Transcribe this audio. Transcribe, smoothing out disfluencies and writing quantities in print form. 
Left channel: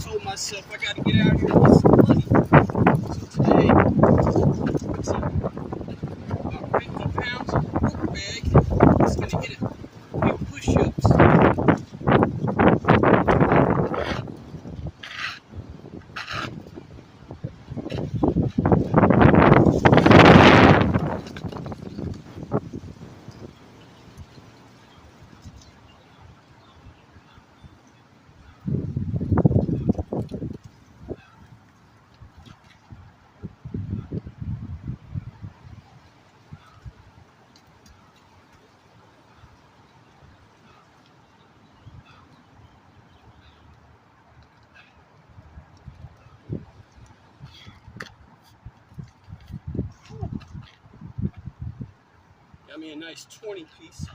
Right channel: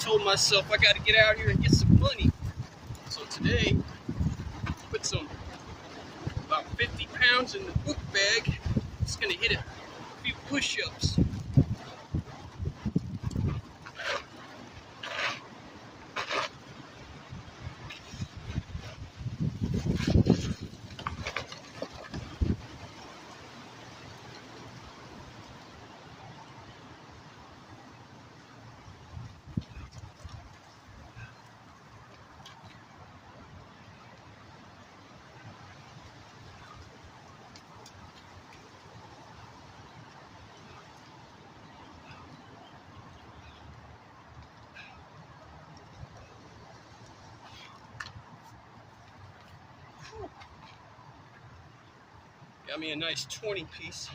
told myself I got to get out here and get some money. So today, put some about 50 pounds in the book bag. It's gonna hit a few push-ups. Got me a nice 20 piece.